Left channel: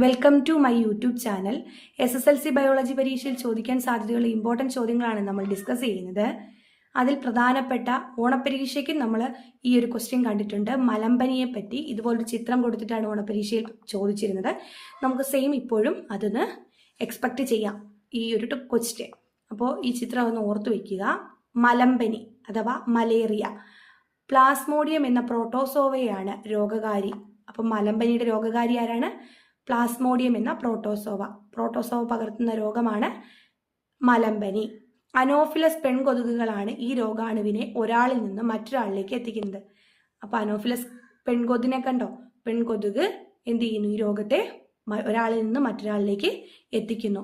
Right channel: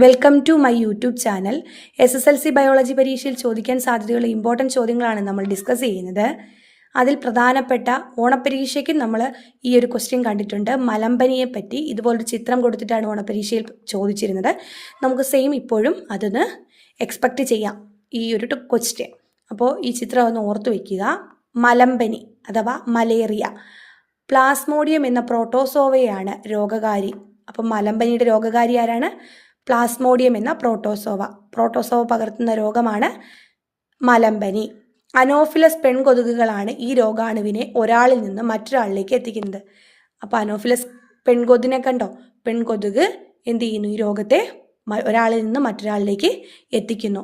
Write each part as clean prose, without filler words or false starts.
Welcome to my YouTube channel. SSLC biology പരീക്ഷയിൽ ചോദിക്കാൻ സാധ്യതയുള്ള ഇമ്പോർട്ടൻറ്റ് ചോദ്യങ്ങളാണ് നമ്മൾ ഡിസ്കസ് ചെയ്യുന്നത്. അതിൽ പ്രധാനപ്പെട്ട ഓണപ്പരീക്ഷയ്ക്ക് നമ്മൾ ഈ ഒരു ക്വസ്റ്റ്യൻ കണ്ടിട്ടുണ്ട്. മലമ്പനിയെ പറ്റി ഇതുപോലൊരു ചിത്രം കൊടുത്തിട്ടാണ് ഓണപ്പരീക്ഷയിൽ ചോദിച്ചിരുന്നത്. നമുക്ക് സെയിം ഇപ്പോഴും അതൊന്ന് എക്സ്പെക്റ്റ് ചെയ്യാം ഈ ഒരു ക്വസ്റ്റ്യൻ. അപ്പോൾ ഈ ചിത്രം ഒന്ന് ഓർത്തു വയ്ക്കുക. മലമ്പനി അഥവാ മലേറിയ, പ്ലാസ്മോഡിയം എന്ന പ്രോട്ടോസോവയാണ് രോഗകാരി. അപ്പം മലമ്പനിയുടെ രോഗകാരി ആരാണ്? പ്ലാസ്മോഡിയം എന്ന പ്രോട്ടോസോവ പകർത്തുന്ന രോഗമാണ് മലമ്പനി. അനോഫിലസ് പെൺകൊതുകുകളാണ് ഈ രോഗാണുവിനെ ഒരാളിൽ നിന്ന് മറ്റൊരാളിലേക്ക് എത്തിക്കുന്നത്. അപ്പോൾ അനോഫിലസ് പെൺകൊതുകിനെ കണ്ടോ? പെൺകൊതുക് എന്ത് ചെയ്യുന്നു? ഈ രോഗത്തെ ഒരാളിൽ നിന്ന് മറ്റൊരാളിലേക്ക് എത്തിക്കുന്നു.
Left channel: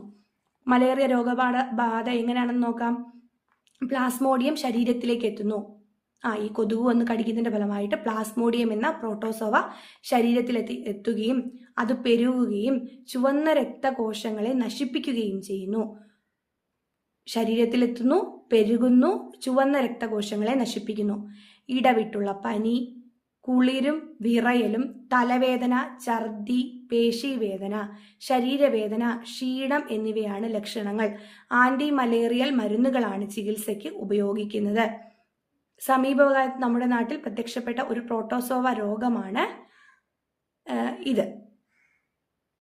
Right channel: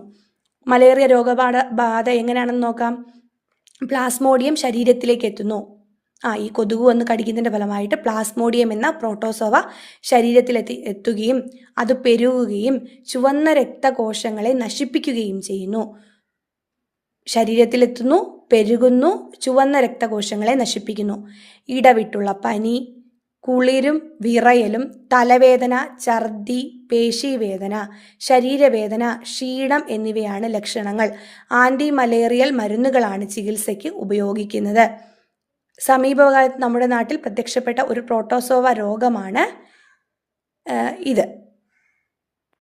മലേറിയ രോഗബാധ എങ്ങനെയാണെന്ന് നോക്കാം. പ്ലാസ്മോഡിയം ശരീരത്തിലേക്ക് എത്തുന്നു. ഈ കൊതുക് വന്ന് കടിക്കുന്നതിൻ്റെ ഫലമായിട്ട് പ്ലാസ്മോഡിയം എന്ന പ്രോട്ടോസോവ ശരീരത്തിലെത്തുകയും അത് പെരുകുകയും ചുവന്ന രക്തകോശങ്ങളെ നശിപ്പിക്കുകയും ചെയ്യുന്നു. ശരീരത്തിലെത്തുന്നു, പെരുകുന്നു, ചുവന്ന രക്തകോശങ്ങളെ നശിപ്പിക്കുന്നു. ഇടവിട്ടുള്ള പനി, കുളിരും വിറയലും, തലവേദന, ഛർദി, പേശീവേദന, ശരീരവേദന, ക്ഷീണം എന്നിവയാണ് ലക്ഷണങ്ങൾ. ആൻറ്റി മലേറിയൽ മരുന്നുകളാണ് ചികിത്സയ്ക്ക് ഉപയോഗിക്കുന്നത്. സമീപകാലത്ത് നമ്മുടെ നാട്ടിൽ പ്രത്യക്ഷപ്പെട്ട ഒരു പ്രോട്ടോസോവ രോഗമാണ് ഇത്.